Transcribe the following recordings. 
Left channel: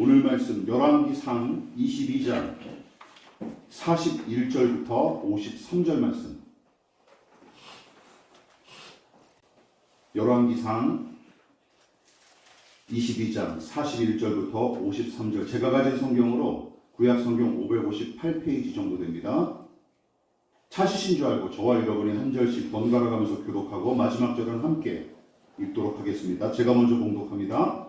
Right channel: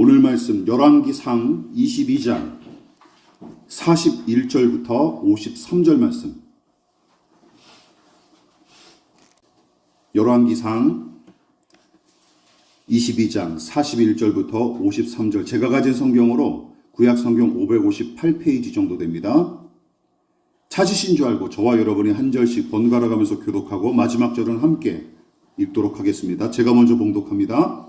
오늘 말씀 열왕기상 22장 41절부터 53절 말씀. 열왕기상 22장 41절부터 53절. 제가 가진 성경으로 구약 성경 558페이지 정도 됩니다. 찾으신 줄 알고 저와 여러분이 한 절씩 번갈아 가면서 교독하고 마지막 절은 함께 읽도록 하겠습니다. 제가 먼저 봉독합니다.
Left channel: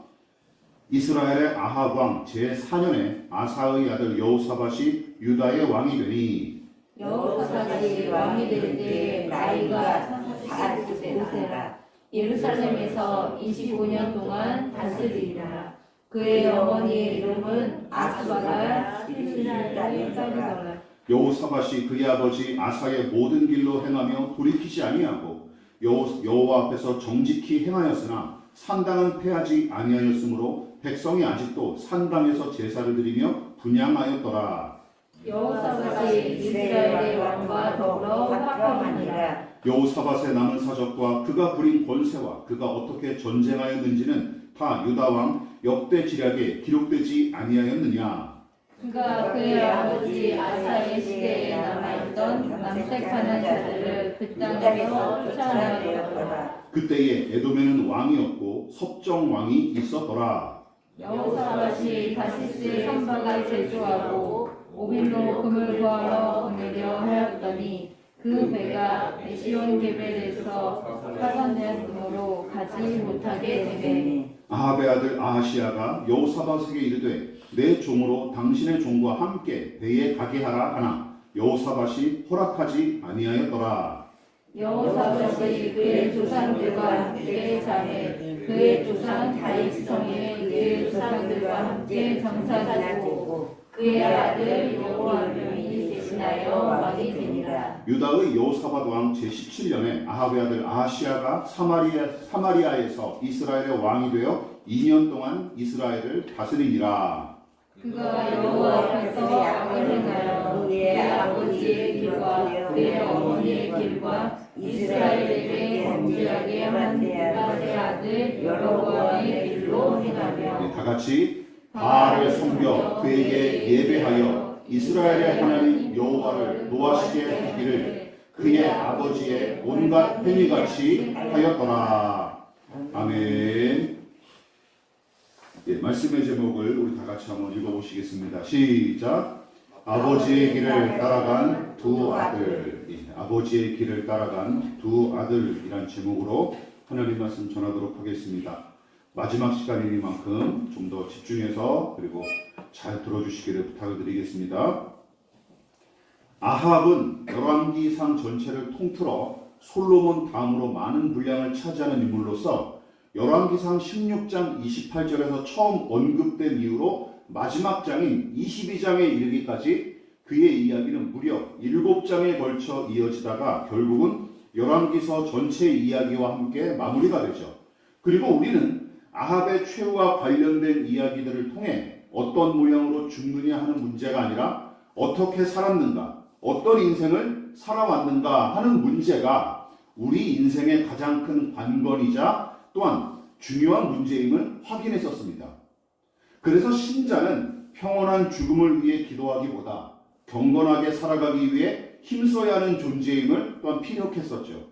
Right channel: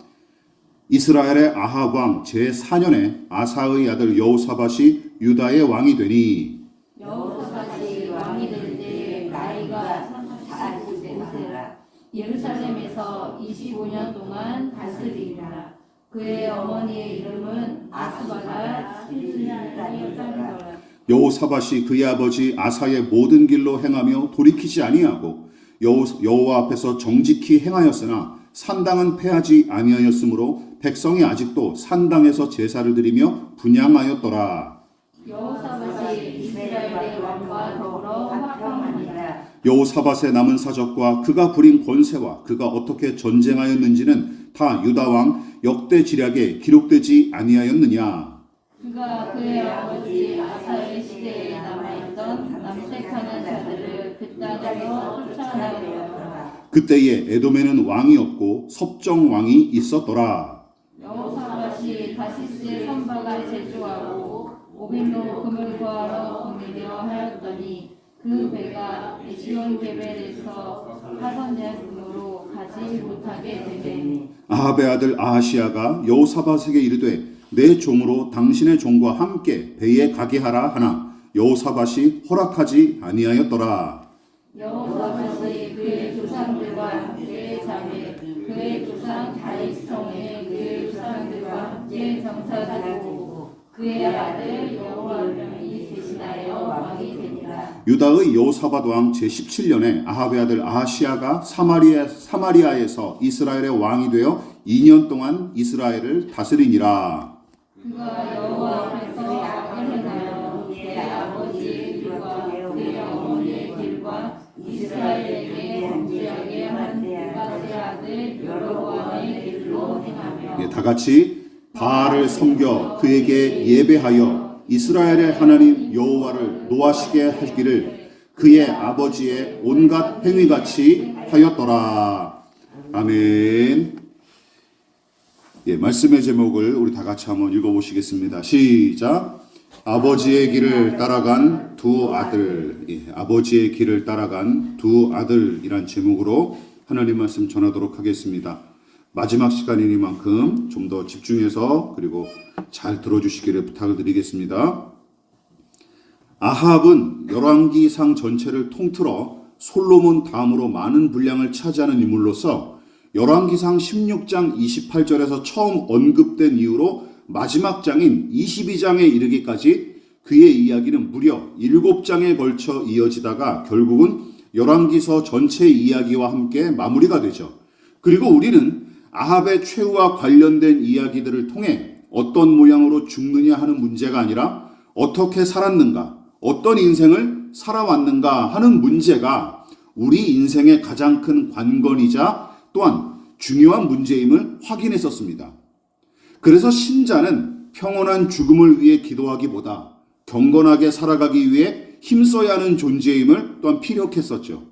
이스라엘의 아합 왕 제4년에 아사의 아들 여호사밧이 유다의 왕이 되니, 여호사밧이 왕이 될 때 나이가 45세라. 예루살렘에서 25년 동안 다스리니라. 그의 어머니의 이름은 아스바가 실실하게 따르더라. 여호사밧이 그의 아버지 아사의 모든 길로 행하며 돌이키지 아니하고 여호와 앞에서 정직히 행하였으나 산당은 패하지 아니하였으므로 백성이 아직도 산당에서 제사를 드리며 분향하였더라. 여호사밧이 이스라엘의 왕과 더불어 화평하니라. 여호사밧의 남은 사적과 그가 부린 권세와 그가 어떻게 전쟁하였는지는 다 유다 왕 역대 지략에 기록되지 아니하였느냐. 그가 그의 아버지 아사의 시대에 남아있던 남색하는 자들을 그 땅에서 쫓아내었더라. 그때에 에돔에는 왕이 없고 섭정 왕이 있었더라. 여호사밧이 다시스 선박을 제조하고 오빌로 금을 구하러 보내려 하였더니 그 배가 에시온 게벨에서 파산되었으므로 가지 못하게 되매, 아합의 아들 아하시아가 여호사밧에게 이르되 내 종으로 당신의 종과 함께 배에 가게 하라 하나 여호사밧이 허락하지 아니하였더라. 여호사밧이 그의 조상들과 함께 잠에 그의 조상 다윗성에 그의 조상들과 함께 정사되고 그의 아들 여호람이 대신하여 왕이 되니라. 유다의 여호사밧 왕 제17년에 아합의 아들 아하시아가 사마리아에서 이스라엘의 왕이 되어 2년 동안 이스라엘을 다스리니라. 그가 여호와 앞에서 악을 행하여 그의 아버지의 길과 그의 어머니의 길과 이스라엘에게 범죄하게 한 느바세 아들 여로보암의 길로 행하며, 다 같이 바알을 섬겨 그에게 예배하여 이스라엘의 하나님 여호와를 노하시게 하기를 그의 아버지의 온갖 행위같이 하였더라. 아멘. 말씀의 제목을 우리 다 같이 한번 읽어보시겠습니다. 시작. 아버지의 길을 따라간 두 아들. 아버지의 길을 따라간 두 아들이란 제목으로 하나님 말씀 전하도록 하겠습니다. 마지막 시간이니만큼 좀 더 집중해서 그리고 잘 들어주시기를 부탁을 드리겠습니다. 아합은 열왕기상 전체를 통틀어 솔로몬 다음으로 많은 분량을 차지하는 인물로서 열왕기상 16장 28절에서 처음 언급된 이후로 마지막 장인 22장에 이르기까지 그의 이야기는 무려 7장에 걸쳐 이어지다가 결국은 열왕기서 전체 이야기와 함께 마무리가 되죠. 그리고 우리는 아합의 최후와 관련된 이야기들을 통해 어떤 모양으로 죽느냐 하는 문제가 아니라 어떻게 살았는가, 어떤 인생을 살아왔는가 하는 문제가 우리 인생의 가장 큰 관건이자 또한 중요한 문제임을 확인했었습니다. 그래서 신자는 평온한 죽음을 위해 기도하기보다 경건하게 살아가기 위해 힘써야 하는 존재임을 또한 피력했었죠.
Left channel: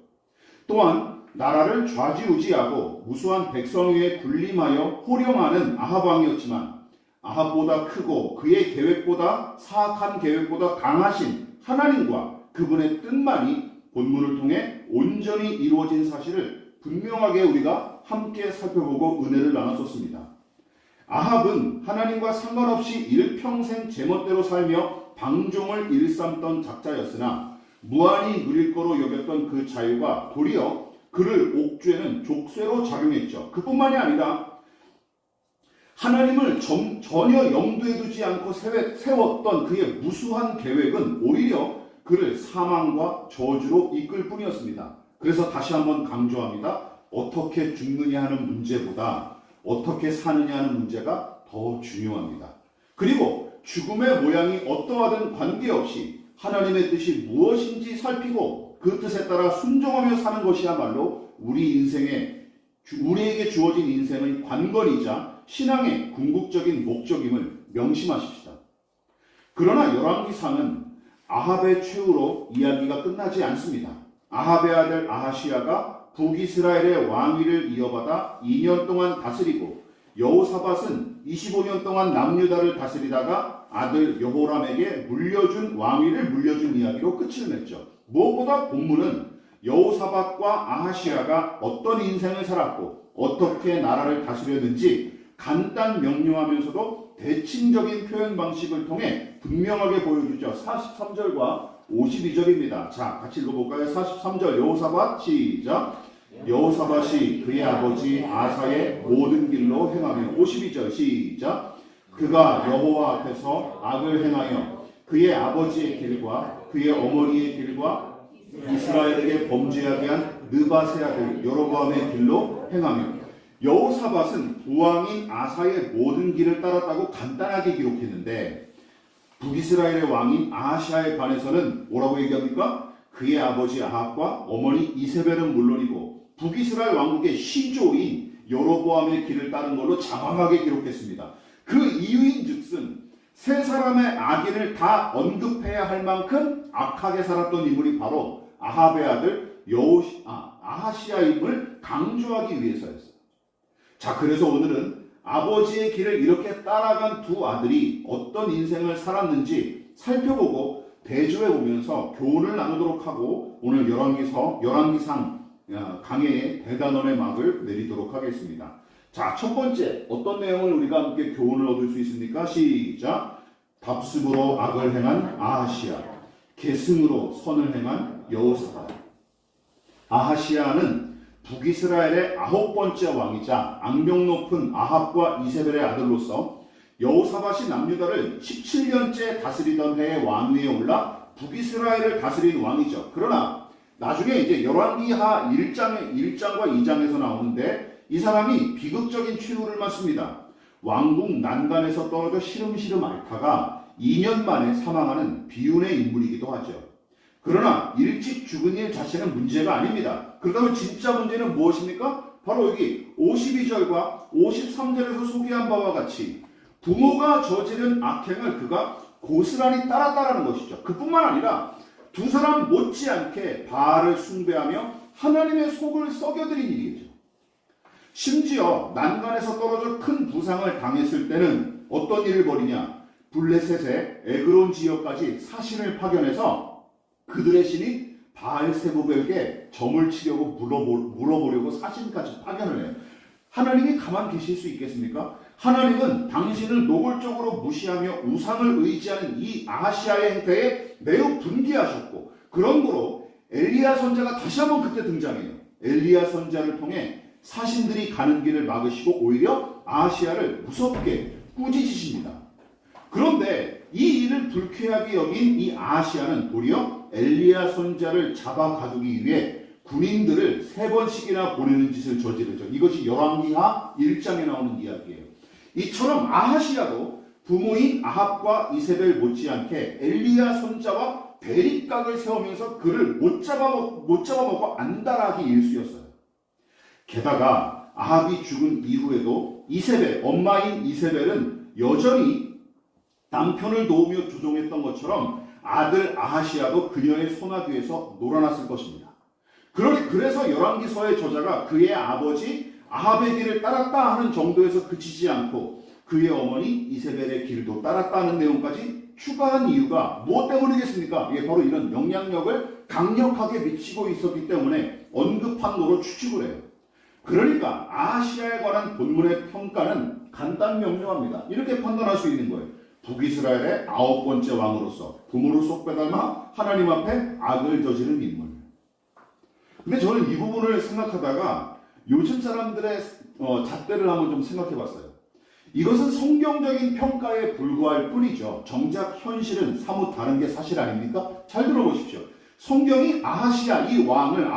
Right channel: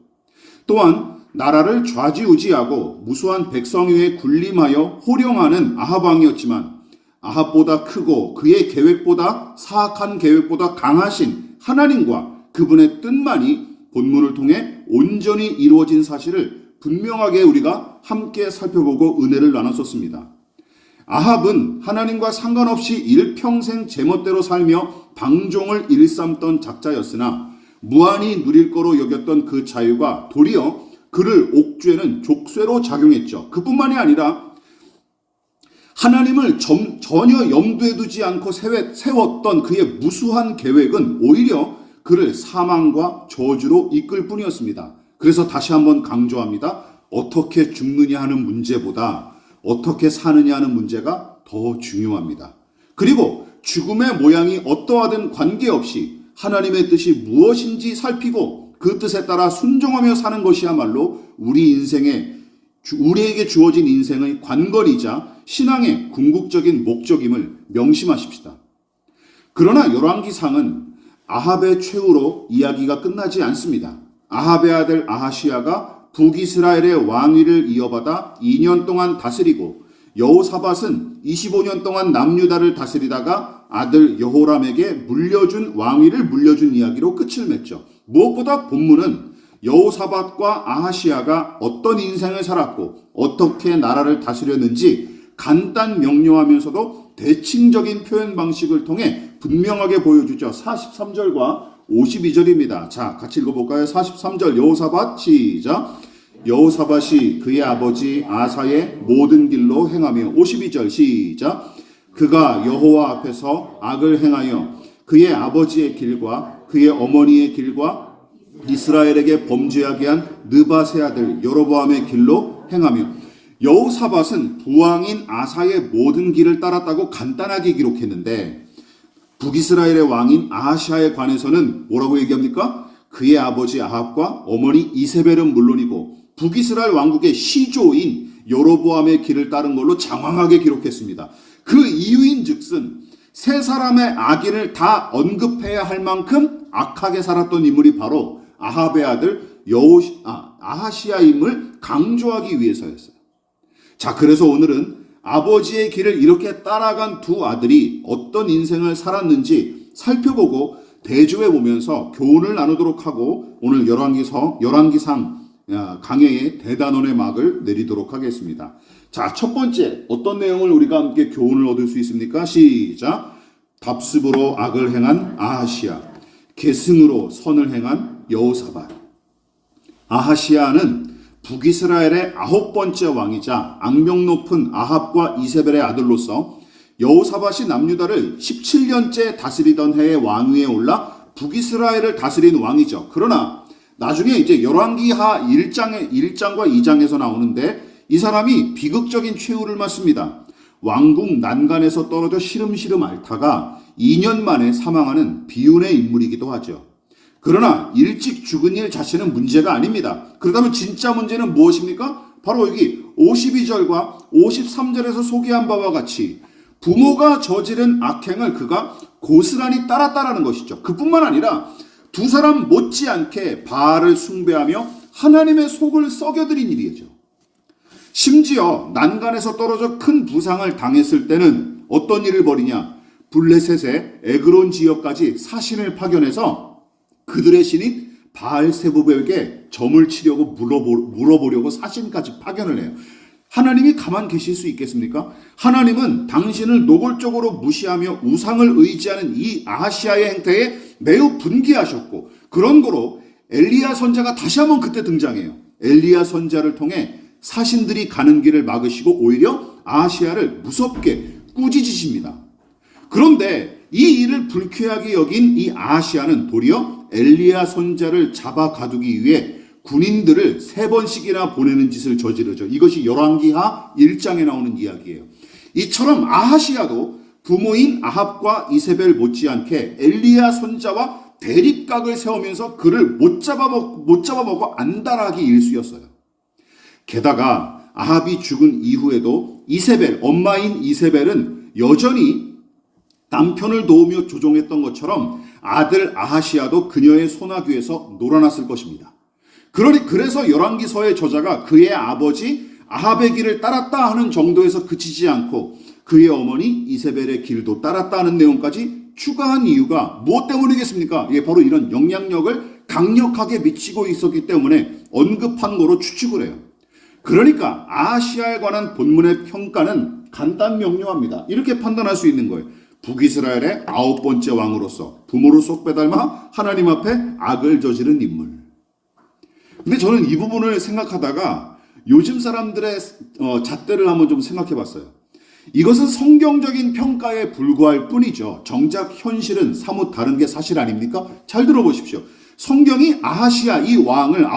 또한 나라를 좌지우지하고 무수한 백성 위에 군림하여 호령하는 아합 왕이었지만 아합보다 크고 그의 계획보다 사악한 계획보다 강하신 하나님과 그분의 뜻만이 본문을 통해 온전히 이루어진 사실을 분명하게 우리가 함께 살펴보고 은혜를 나눴었습니다. 아합은 하나님과 상관없이 일평생 제멋대로 살며 방종을 일삼던 작자였으나 무한히 누릴 거로 여겼던 그 자유가 도리어 그를 옥죄는 족쇄로 작용했죠. 그뿐만이 아니라 하나님을 전혀 염두에 두지 않고 세웠던 그의 무수한 계획은 오히려 그를 사망과 저주로 이끌 뿐이었습니다. 그래서 다시 한번 강조합니다. 어떻게 죽느냐 하는 문제보다 어떻게 사느냐 하는 문제가 더 중요합니다. 그리고 죽음의 모양이 어떠하든 관계없이 하나님의 뜻이 무엇인지 살피고 그 뜻에 따라 순종하며 사는 것이야말로 우리 인생의 우리에게 주어진 인생의 관건이자 신앙의 궁극적인 목적임을 명심하십시다. 그러나 열왕기상은 아합의 최후로 이야기가 끝나지 않습니다. 아합의 아들 아하시야가 북이스라엘의 왕위를 이어받아 2년 동안 다스리고 여호사밧은 25년 동안 남유다를 다스리다가 아들 여호람에게 왕위를 물려준 이야기로 끝을 맺죠. 무엇보다 본문은 여호사밧과 아하시야가 어떤 인생을 살았고 어떻게 나라를 다스렸는지 간단 명료하면서도 대칭적인 표현 방식을 통해 분명하게 보여주죠. 43절과 52절입니다. 자, 같이 읽어볼까요? 43절 여호사밧 시작. 여호사밧이 그의 아버지 아사의 모든 길로 행하며 52절 시작. 그가 여호와 앞에서 악을 행하여 그의 아버지의 길과 그의 어머니의 길과 이스라엘에게 범죄하게 한 느밧의 아들 여로보암의 길로 행하며 여호사밧은 부왕인 아사의 모든 길을 따랐다고 간단하게 기록했는데 북이스라엘의 왕인 아하시아에 관해서는 뭐라고 얘기합니까? 그의 아버지 아합과 어머니 이세벨은 물론이고 북이스라엘 왕국의 시조인 여로보암의 길을 따른 걸로 장황하게 기록했습니다. 그 이유인 즉슨 세 사람의 악인을 다 언급해야 할 만큼 악하게 살았던 인물이 바로 아합의 아들 아하시아임을 강조하기 위해서였어요. 자, 그래서 오늘은 아버지의 길을 이렇게 따라간 두 아들이 어떤 인생을 살았는지 살펴보고 대조해 보면서 교훈을 나누도록 하고 오늘 열왕기상 강해의 대단원의 막을 내리도록 하겠습니다. 자, 첫 번째 어떤 내용을 우리가 함께 교훈을 얻을 수 있습니까? 시작. 답습으로 악을 행한 아하시아, 계승으로 선을 행한 여호사밧. 아하시아는 북이스라엘의 9번째 왕이자 악명 높은 아합과 이세벨의 아들로서 여호사밧이 남유다를 17년째 다스리던 해에 왕위에 올라 북이스라엘을 다스린 왕이죠. 그러나 나중에 이제 열왕기하 1장과 2장에서 나오는데 이 사람이 비극적인 최후를 맞습니다. 왕궁 난간에서 떨어져 시름시름 앓다가 2년 만에 사망하는 비운의 인물이기도 하죠. 그러나 일찍 죽은 일 자체는 문제가 아닙니다. 그렇다면 진짜 문제는 무엇입니까? 바로 여기 52절과 53절에서 소개한 바와 같이 부모가 저지른 악행을 그가 고스란히 따랐다라는 것이죠. 그뿐만 아니라 두 사람 못지않게 바알을 숭배하며 하나님의 속을 썩여드린 일이죠. 심지어 난간에서 떨어져 큰 부상을 당했을 때는 어떤 일을 벌이냐? 블레셋의 에그론 지역까지 사신을 파견해서 그들의 신인 바알세부백에게 점을 치려고 물어보려고 사신까지 파견을 해요. 하나님이 가만 계실 수 있겠습니까? 하나님은 당신을 노골적으로 무시하며 우상을 의지하는 이 아하시아의 행태에 매우 분개하셨고 그런 거로 엘리야 선자가 다시 한번 그때 등장해요. 엘리야 선자를 통해 사신들이 가는 길을 막으시고 오히려 아하시아를 무섭게 꾸짖으십니다. 그런데 이 일을 불쾌하게 여긴 이 아하시아는 도리어 엘리야 선자를 잡아 가두기 위해 군인들을 3번씩이나 보내는 짓을 저지르죠. 이것이 열왕기하 1장에 나오는 이야기예요. 이처럼 아하시아도 부모인 아합과 이세벨 못지않게 엘리야 선자와 대립각을 세우면서 그를 못 잡아먹고 안달하기 일쑤였어요. 게다가 아합이 죽은 이후에도 이세벨, 엄마인 이세벨은 여전히 남편을 도우며 조종했던 것처럼 아들 아하시아도 그녀의 손아귀에서 놀아났을 것입니다. 그래서 열왕기서의 저자가 그의 아버지 아합의 길을 따랐다 하는 정도에서 그치지 않고 그의 어머니 이세벨의 길도 따랐다 하는 내용까지 추가한 이유가 무엇 때문이겠습니까? 이게 바로 이런 영향력을 강력하게 미치고 있었기 때문에 언급한 거로 추측을 해요. 그러니까 아하시아에 관한 본문의 평가는 간단 명료합니다. 이렇게 판단할 수 있는 거예요. 북이스라엘의 9번째 왕으로서 부모를 쏙 빼닮아 하나님 앞에 악을 저지른 인물. 근데 저는 이 부분을 생각하다가 요즘 사람들의 잣대를 한번 좀 생각해 봤어요. 이것은 성경적인 평가에 불과할 뿐이죠. 정작 현실은 사뭇 다른 게 사실 아닙니까? 잘 들어보십시오. 성경이 아하시아 이 왕을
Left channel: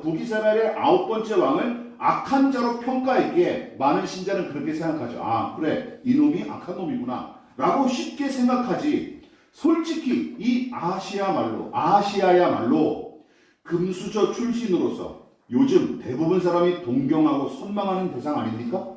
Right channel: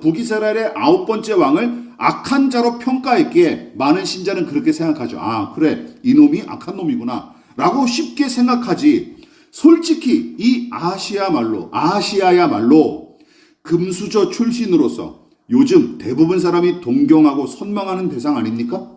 북이스라엘의 9번째 왕을 악한 자로 평가했기에 많은 신자는 그렇게 생각하죠. 아, 그래, 이놈이 악한 놈이구나 라고 쉽게 생각하지. 솔직히 이 아하시아야말로 금수저 출신으로서 요즘 대부분 사람이 동경하고 선망하는 대상 아닙니까?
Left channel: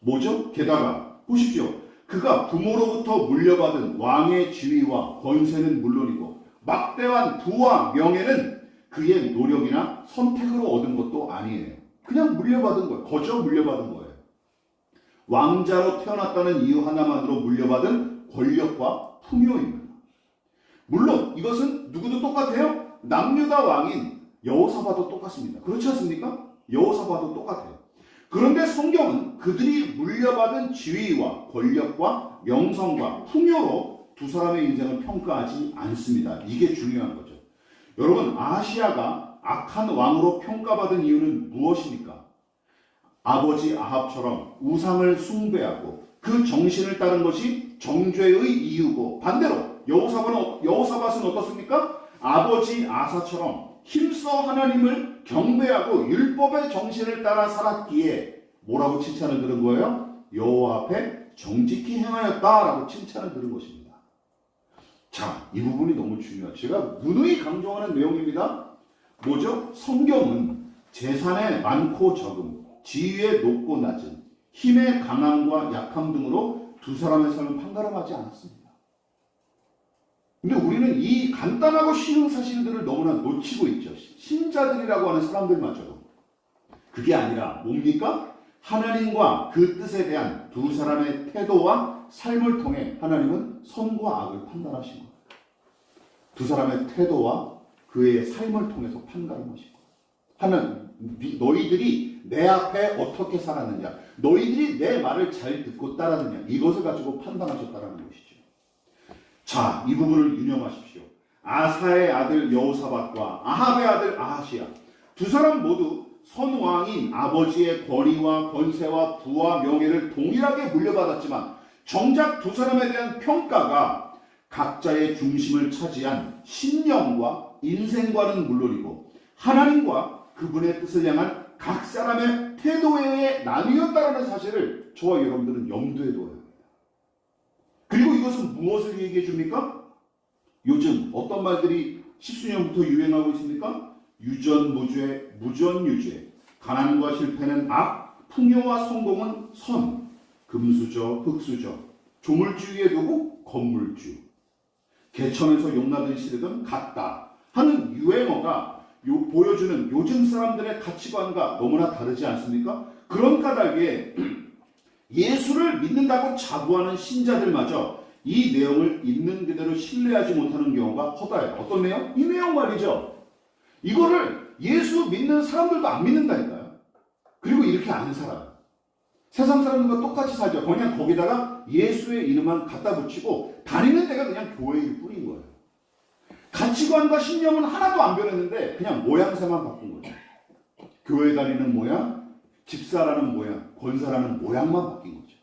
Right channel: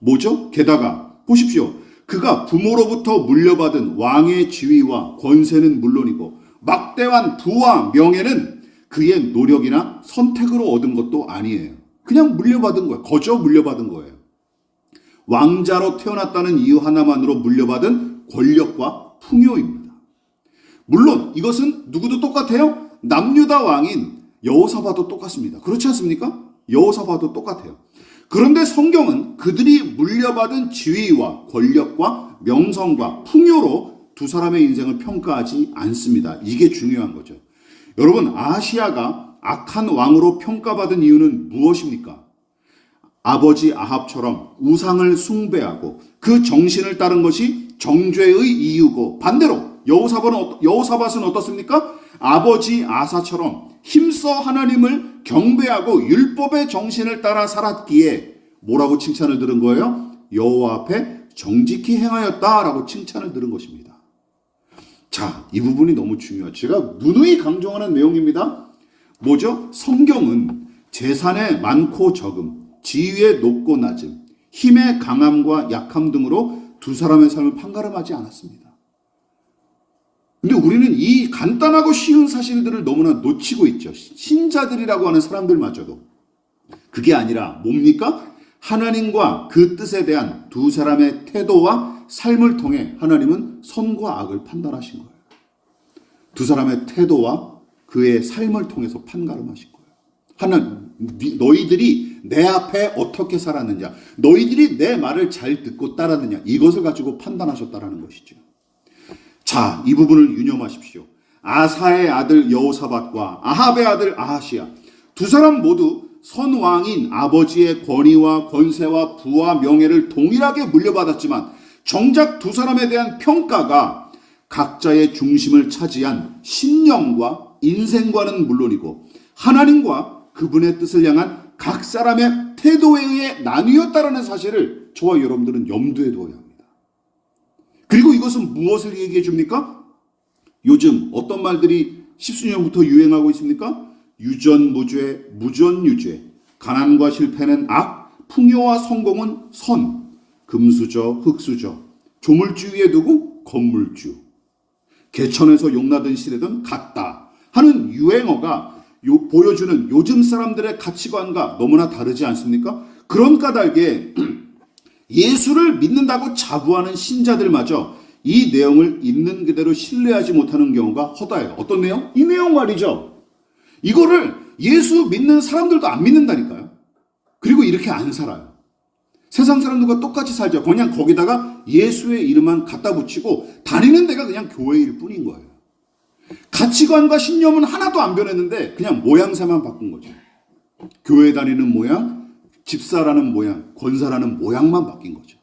뭐죠? 게다가 보십시오. 그가 부모로부터 물려받은 왕의 지위와 권세는 물론이고 막대한 부와 명예는 그의 노력이나 선택으로 얻은 것도 아니에요. 그냥 물려받은 거예요. 거저 물려받은 거예요. 왕자로 태어났다는 이유 하나만으로 물려받은 권력과 풍요입니다. 물론 이것은 누구도 똑같아요. 남유다 왕인 여호사밧도 똑같습니다. 그렇지 않습니까? 여호사밧도 똑같아요. 그런데 성경은 그들이 물려받은 지위와 권력과 명성과 풍요로 두 사람의 인생을 평가하지 않습니다. 이게 중요한 거죠. 여러분, 아하시야가 악한 왕으로 평가받은 이유는 무엇입니까? 아버지 아합처럼 우상을 숭배하고 그 정신을 따른 것이 정죄의 이유고, 반대로 여호사밧은 어떻습니까? 아버지 아사처럼 힘써 하나님을 경배하고 율법의 정신을 따라 살았기에 뭐라고 칭찬을 들은 거예요? 여호와 앞에 정직히 행하였다라고 칭찬을 들은 것입니다. 자, 이 부분이 너무 중요해요. 제가 누누이 강조하는 내용입니다. 뭐죠? 성경은 재산의 많고 적음, 지위의 높고 낮음, 힘의 강함과 약함 등으로 두 사람의 삶을 판가름하지 않았습니다. 근데 우리는 이 간단하고 쉬운 사실들을 너무나 놓치고 있죠. 신자들이라고 하는 사람들마저도. 그게 아니라 뭡니까? 하나님과 그 뜻에 대한 두 사람의 태도와 삶을 통해 하나님은 선과 악을 판단하신 거예요. 두 사람의 태도와 그의 삶을 통해서 판가름하신 거예요. 하나님, 너희들이 내 앞에 어떻게 살았느냐, 너희들이 내 말을 잘 듣고 따르느냐, 이것을 가지고 판단하셨다라는 것이죠. 자, 이 부분을 유념하십시오. 아사의 아들 여호사밧과 아합의 아들 아하시야, 두 사람 모두 선왕인 아버지의 권위와 권세와 부와 명예를 동일하게 물려받았지만 정작 두 사람에 대한 평가가 각자의 중심을 차지한 신념과 인생과는 물론이고 하나님과 그분의 뜻을 향한 각 사람의 태도에 의해 나뉘었다라는 사실을 저와 여러분들은 염두에 두어야 합니다. 그리고 이것은 무엇을 얘기해 줍니까? 요즘 어떤 말들이 십수년부터 유행하고 있습니까? 유전무죄, 무전유죄, 가난과 실패는 악, 풍요와 성공은 선, 금수저, 흙수저, 조물주의에 두고 건물주, 개천에서 용나든 시대든 같다 하는 유행어가 보여주는 요즘 사람들의 가치관과 너무나 다르지 않습니까? 그런 까닭에 예수를 믿는다고 자부하는 신자들마저 이 내용을 있는 그대로 신뢰하지 못하는 경우가 허다해요. 어떤 내용? 이 내용 말이죠. 이거를 예수 믿는 사람들도 안 믿는다니까요. 그리고 이렇게 안 살아요. 세상 사람들과 똑같이 살죠. 그냥 거기다가 예수의 이름만 갖다 붙이고 다니는 데가 그냥 교회일 뿐인 거예요. 가치관과 신념은 하나도 안 변했는데 그냥 모양새만 바꾼 거죠. 교회 다니는 모양, 집사라는 모양, 권사라는 모양만 바뀐 거죠.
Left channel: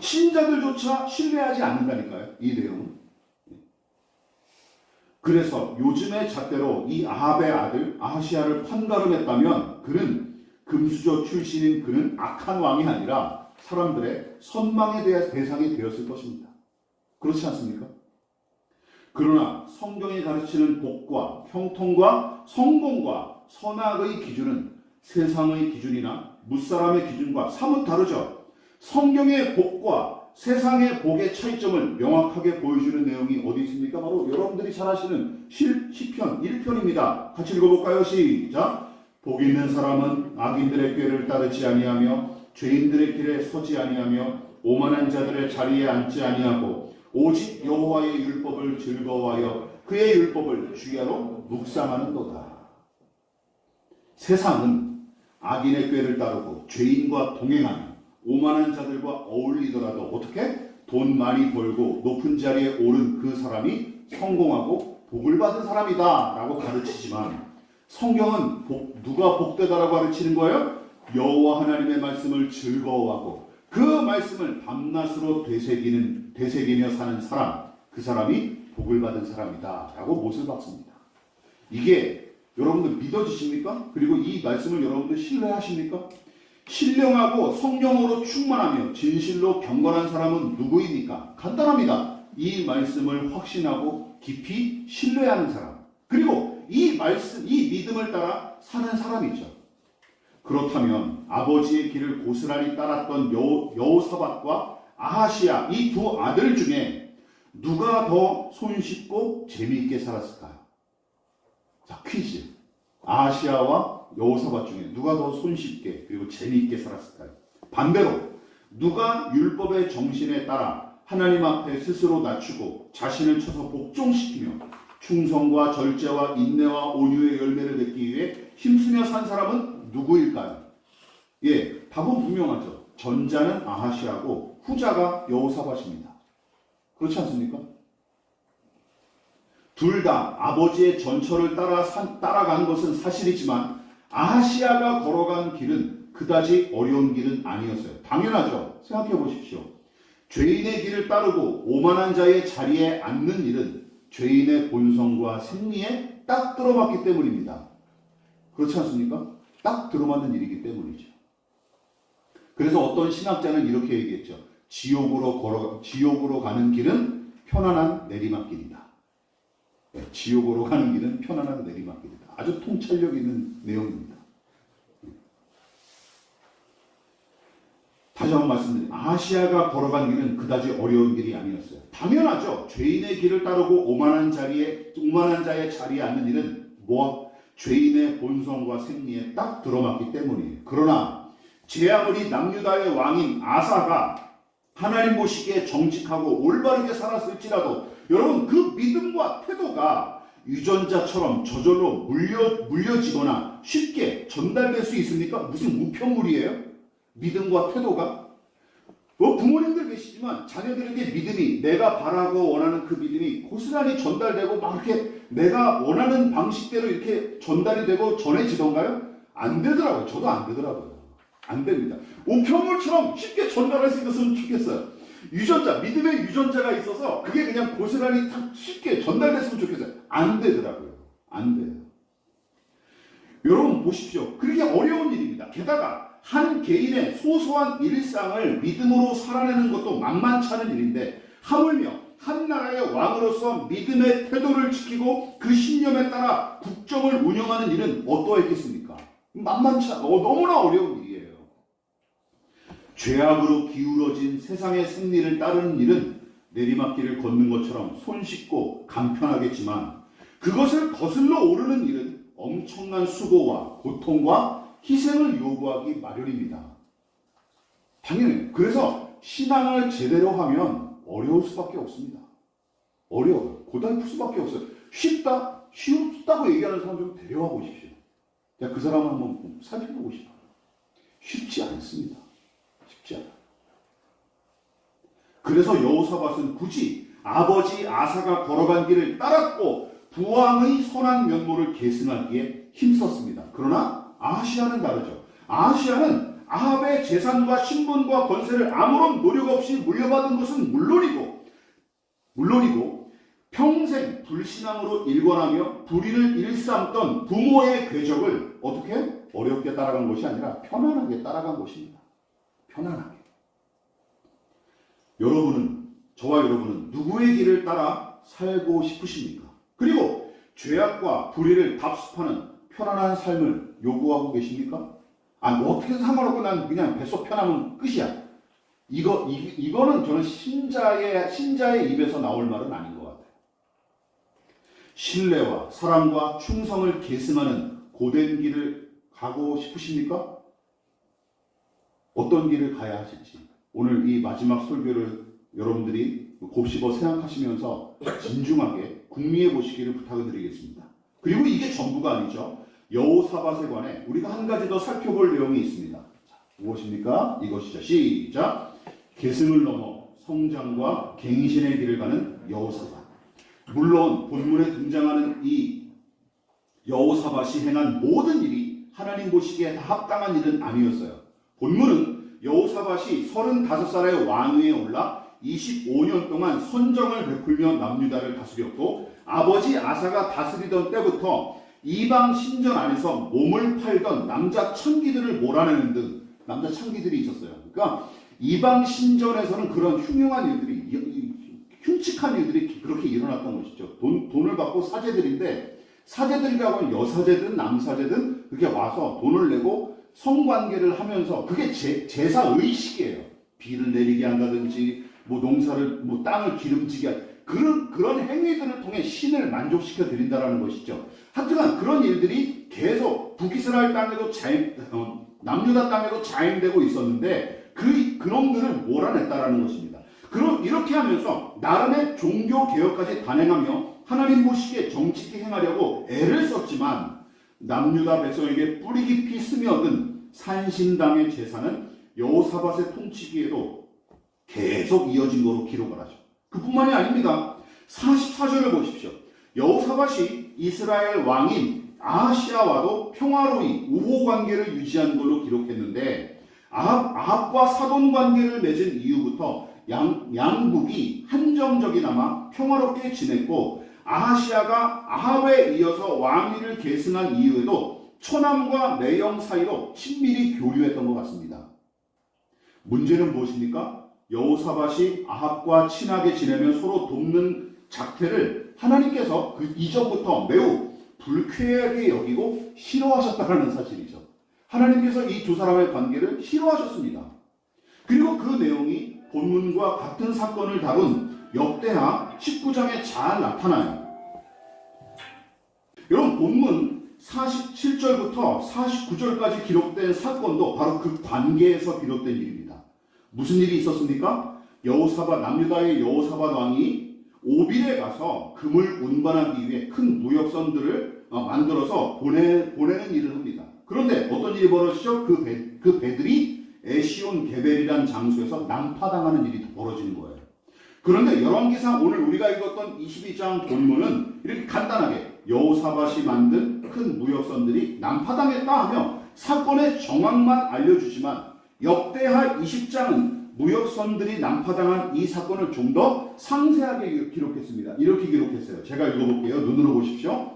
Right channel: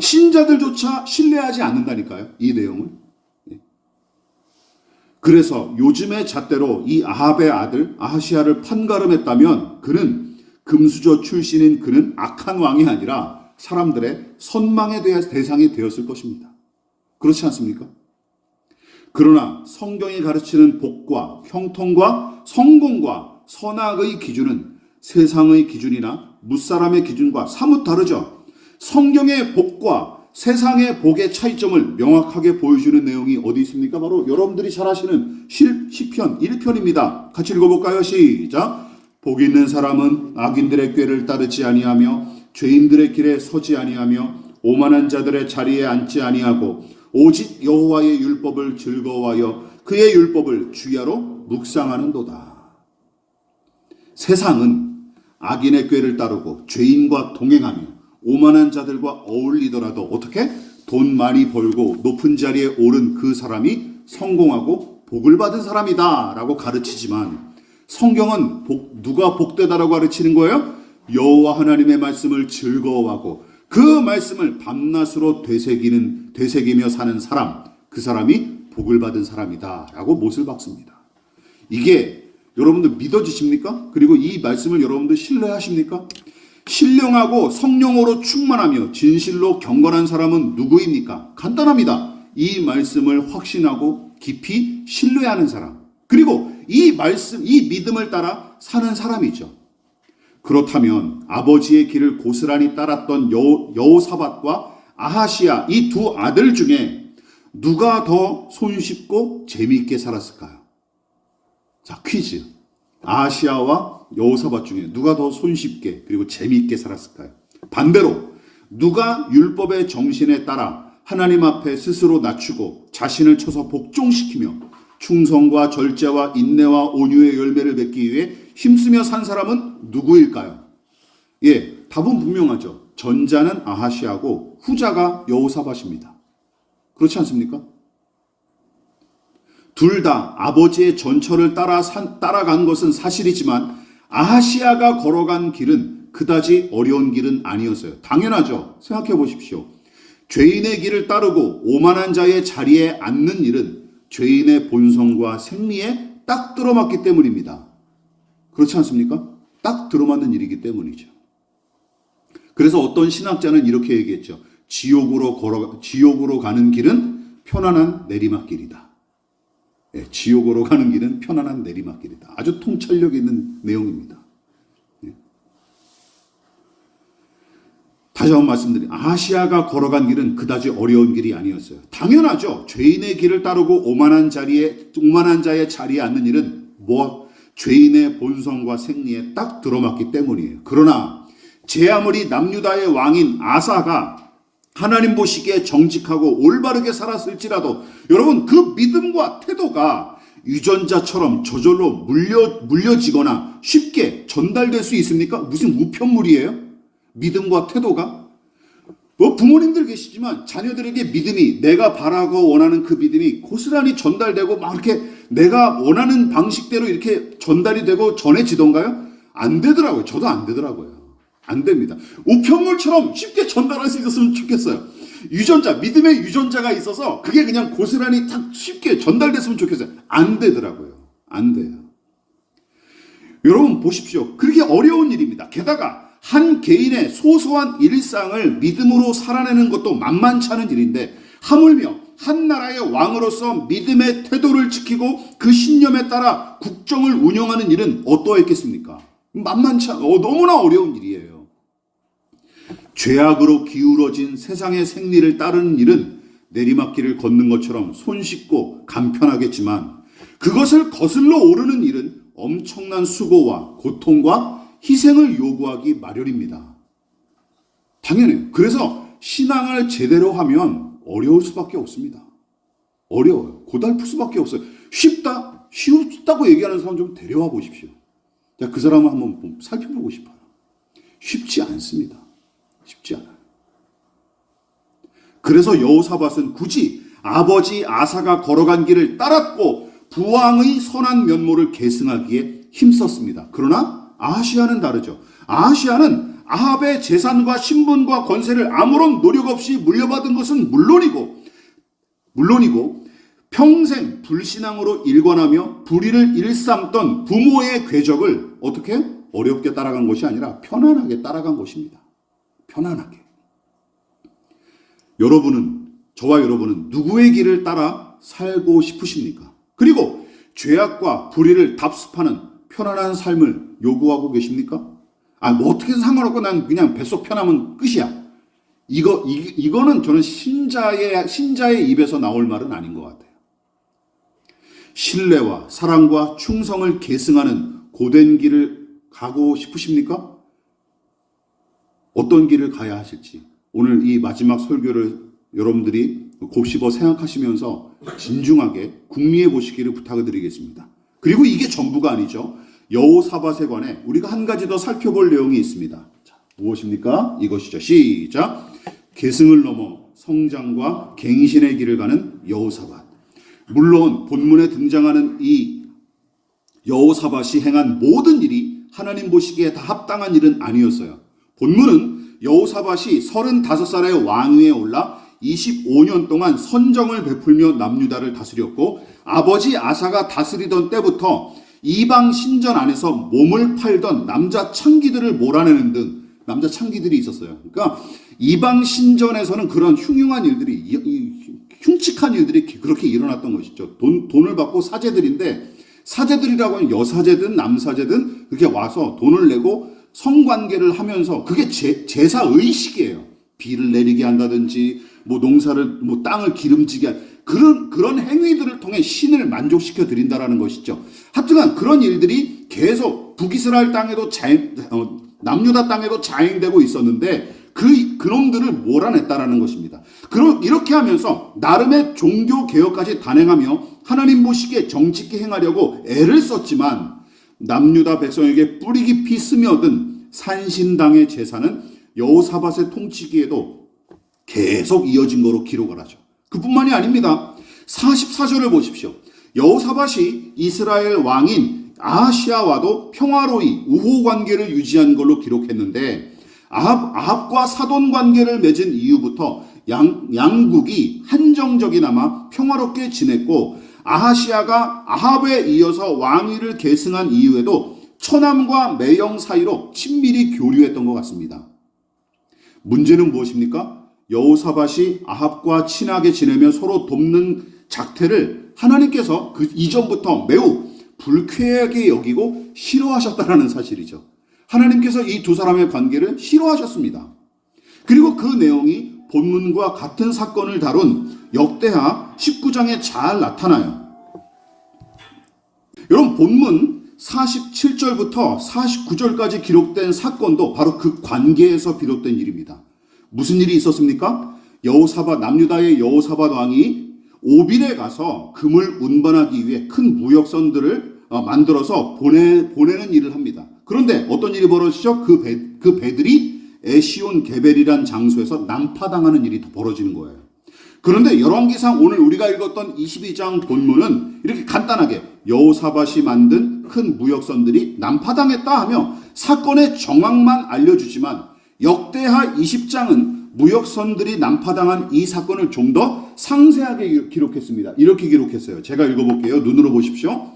신자들조차 신뢰하지 않는다니까요, 이 내용은. 그래서 요즘의 잣대로 이 아합의 아들 아하시야를 판가름했다면 그는 금수저 출신인 그는 악한 왕이 아니라 사람들의 선망의 대상이 되었을 것입니다. 그렇지 않습니까? 그러나 성경이 가르치는 복과 형통과 성공과 선악의 기준은 세상의 기준이나 무사람의 기준과 사뭇 다르죠. 성경의 복과 세상의 복의 차이점을 명확하게 보여주는 내용이 어디 있습니까? 바로 여러분들이 잘 아시는 시편 1편입니다. 같이 읽어볼까요? 시작. 복 있는 사람은 악인들의 꾀를 따르지 아니하며 죄인들의 길에 서지 아니하며 오만한 자들의 자리에 앉지 아니하고 오직 여호와의 율법을 즐거워하여 그의 율법을 주야로 묵상하는도다. 세상은 악인의 꾀를 따르고 죄인과 동행하며 오만한 자들과 어울리더라도 어떻게? 돈 많이 벌고 높은 자리에 오른 그 사람이 성공하고 복을 받은 사람이다 라고 가르치지만 성경은 누가 복되다라고 가르치는 거예요? 여호와 하나님의 말씀을 즐거워하고 그 말씀을 밤낮으로 되새기며 사는 사람, 그 사람이 복을 받은 사람이다 라고 못을 박습니다. 이게 여러분들 믿어지십니까? 그리고 이 말씀을 여러분들 신뢰하십니까? 신령하고 성령으로 충만하며 진실로 경건한 사람은 누구입니까? 간단합니다. 이 말씀을 확신하고 깊이 신뢰하는 사람. 그리고 이 말씀, 이 믿음을 따라 사는 사람이죠. 그렇다면 아버지의 길을 고스란히 따랐던 여호사밧과 아하시야 이 두 아들 중에 누가 더 손쉽고 재미있게 살았을까요? 자, 퀴즈. 아하시야와 여호사밧 중에 누가 더 손쉽게 그리고 재미있게 살았을까요? 반대로 누가 율법의 정신에 따라 하나님 앞에 스스로 낮추고 자신을 쳐서 복종시키며 충성과 절제와 인내와 온유의 열매를 맺기 위해 힘쓰며 산 사람은 누구일까요? 예, 답은 분명하죠. 전자는 아하시야고 후자가 여호사밧입니다. 그렇지 않습니까? 둘 다 아버지의 전철을 따라간 것은 사실이지만 아하시야가 걸어간 길은 그다지 어려운 길은 아니었어요. 당연하죠. 생각해 보십시오. 죄인의 길을 따르고 오만한 자의 자리에 앉는 일은 죄인의 본성과 생리에 딱 들어맞기 때문입니다. 그렇지 않습니까? 딱 들어맞는 일이기 때문이죠. 그래서 어떤 신학자는 이렇게 얘기했죠. 지옥으로 가는 길은 편안한 내리막길이다. 네, 지옥으로 가는 길은 편안한 내리막길이다. 아주 통찰력 있는 내용입니다. 네. 다시 한번 말씀드립니다. 아하시야가 걸어간 길은 그다지 어려운 길이 아니었어요. 당연하죠. 죄인의 길을 따르고 오만한 자의 자리에 앉는 일은 죄인의 본성과 생리에 딱 들어맞기 때문이에요. 그러나 제 아무리 남유다의 왕인 아사가 하나님 보시기에 정직하고 올바르게 살았을지라도 여러분 그 믿음과 태도가 유전자처럼 저절로 물려지거나 쉽게 전달될 수 있습니까? 무슨 우편물이에요? 믿음과 태도가? 부모님들 계시지만 자녀들에게 믿음이 내가 바라고 원하는 그 믿음이 고스란히 전달되고 막 이렇게 내가 원하는 방식대로 이렇게 전달이 되고 전해지던가요? 안 되더라고요. 저도 안 되더라고요. 안 됩니다. 우편물처럼 쉽게 전달할 수 있었으면 좋겠어요. 믿음의 유전자가 있어서 그게 그냥 고스란히 딱 쉽게 전달됐으면 좋겠어요. 안 되더라고요. 안 돼요. 여러분 보십시오. 그렇게 어려운 일입니다. 게다가 한 개인의 소소한 일상을 믿음으로 살아내는 것도 만만치 않은 일인데 하물며 한 나라의 왕으로서 믿음의 태도를 지키고 그 신념에 따라 국정을 운영하는 일은 어떠했겠습니까? 너무나 어려운 일이에요. 죄악으로 기울어진 세상의 생리를 따르는 일은 내리막길을 걷는 것처럼 손쉽고 간편하겠지만 그것을 거슬러 오르는 일은 엄청난 수고와 고통과 희생을 요구하기 마련입니다. 당연해요. 그래서 신앙을 제대로 하면 어려울 수밖에 없습니다. 어려워요. 고달플 수밖에 없어요. 쉽다고 얘기하는 사람 좀 데려와 보십시오. 그 사람을 한번 살펴보고 싶어요. 쉽지 않습니다. 쉽지 않아요. 그래서 여호사밧은 굳이 아버지 아사가 걸어간 길을 따랐고 부왕의 선한 면모를 계승하기에 힘썼습니다. 그러나 아하시야는 다르죠. 아하시야는 아합의 재산과 신분과 권세를 아무런 노력 없이 물려받은 것은 물론이고 평생 불신앙으로 일관하며 불의를 일삼던 부모의 궤적을 어떻게 어렵게 따라간 것이 아니라 편안하게 따라간 것입니다. 편안하게. 저와 여러분은 누구의 길을 따라 살고 싶으십니까? 그리고 죄악과 불의를 답습하는 편안한 삶을 요구하고 계십니까? 어떻게든 상관없고 난 그냥 뱃속 편하면 끝이야. 이거는 저는 신자의 입에서 나올 말은 아닌 것 같아요. 신뢰와 사랑과 충성을 계승하는 고된 길을 가고 싶으십니까? 어떤 길을 가야 하실지 오늘 이 마지막 설교를 여러분들이 곱씹어 생각하시면서 진중하게 궁리해 보시기를 부탁을 드리겠습니다. 그리고 이게 전부가 아니죠. 여호사밧에 관해 우리가 한 가지 더 살펴볼 내용이 있습니다. 자, 무엇입니까? 이것이죠. 시작. 계승을 넘어 성장과 갱신의 길을 가는 여호사밧. 물론 본문에 등장하는 이 여호사밧이 행한 모든 일이 하나님 보시기에 다 합당한 일은 아니었어요. 본문은 여호사밧이 35살의 왕위에 올라 25년 동안 선정을 베풀며 남유다를 다스렸고 아버지 아사가 다스리던 때부터 이방 신전 안에서 몸을 팔던 남자 창기들을 몰아내는 등 남자 창기들이 있었어요. 그러니까 이방 신전에서는 그런 흉흉한 일들이 흉측한 일들이 그렇게 일어났던 것이죠. 돈을 받고 사제들인데 사제들이라고 하면 여사제든 남사제든 그렇게 와서 돈을 내고 성관계를 하면서 그게 제사 의식이에요. 비를 내리게 한다든지 뭐 농사를 뭐 땅을 기름지게 그런 행위들을 통해 신을 만족시켜 드린다라는 것이죠. 하여튼간 그런 일들이 계속 북이스라엘 땅에도 남유다 땅에도 자행되고 있었는데 그놈들을 몰아냈다라는 것입니다. 이렇게 하면서 나름의 종교 개혁까지 단행하며 하나님 보시기에 정직히 행하려고 애를 썼지만 남유다 백성에게 뿌리 깊이 스며든 산신당의 제사는 여호사밧의 통치기에도 계속 이어진 거로 기록을 하죠. 그뿐만이 아닙니다. 44절을 보십시오. 여호사밧이 이스라엘 왕인 아하시아와도 평화로이 우호 관계를 유지한 걸로 기록했는데 아합과 사돈 관계를 맺은 이후부터 양국이 한정적이나마 평화롭게 지냈고 아하시아가 아합에 이어서 왕위를 계승한 이후에도 처남과 매형 사이로 친밀히 교류했던 것 같습니다. 문제는 무엇입니까? 여호사밧이 아합과 친하게 지내며 서로 돕는 작태를 하나님께서 그 이전부터 매우 불쾌하게 여기고 싫어하셨다는 사실이죠. 하나님께서 이 두 사람의 관계를 싫어하셨습니다. 그리고 그 내용이 본문과 같은 사건을 다룬 역대하 19장에 잘 나타나요. 여러분, 본문 47절부터 49절까지 기록된 사건도 바로 그 관계에서 비롯된 일입니다. 무슨 일이 있었습니까? 남유다의 여호사밧 왕이 오빌에 가서 금을 운반하기 위해 큰 무역선들을 만들어서 보내는 일을 합니다. 그런데 어떤 일이 벌어지죠? 그 배들이 에시온 게벨이란 장소에서 난파당하는 일이 벌어지는 거예요. 그런데 열왕기상 오늘 우리가 읽었던 22장 본문은 이렇게 간단하게 여호사밧이 만든 큰 무역선들이 난파당했다 하며 사건의 정황만 알려주지만 역대하 20장은 무역선들이 난파당한 이 사건을 좀 더 상세하게 기록했습니다. 이렇게 기록했어요. 제가 읽어볼게요. 눈으로 보십시오.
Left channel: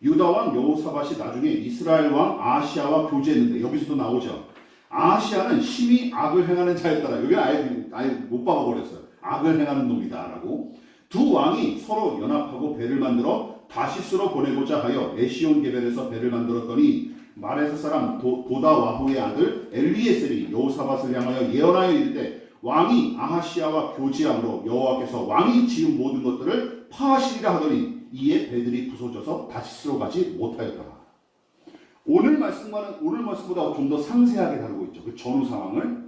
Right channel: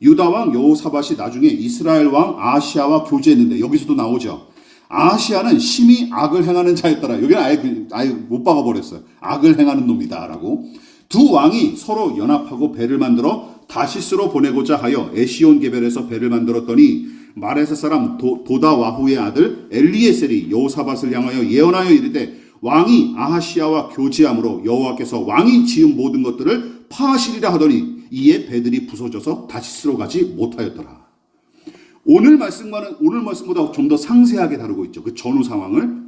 유다왕 여호사밧이 나중에 이스라엘 왕 아하시아와 교제했는데 여기서도 나오죠. 아하시아는 심히 악을 행하는 자였더라. 여기는 아예 못 박아버렸어요. 악을 행하는 놈이다 라고. 두 왕이 서로 연합하고 배를 만들어 다시스로 보내고자 하여 에시온 게벨에서 배를 만들었더니 마레사 사람 도다와후의 아들 엘리에셀이 여호사밧을 향하여 예언하여 이르되 왕이 아하시아와 교제함으로 여호와께서 왕이 지은 모든 것들을 파하시리라 하더니 이에 배들이 부서져서 다시스로 가지 못하였더라. 오늘 말씀보다 좀 더 상세하게 다루고 있죠. 그 전후 상황을.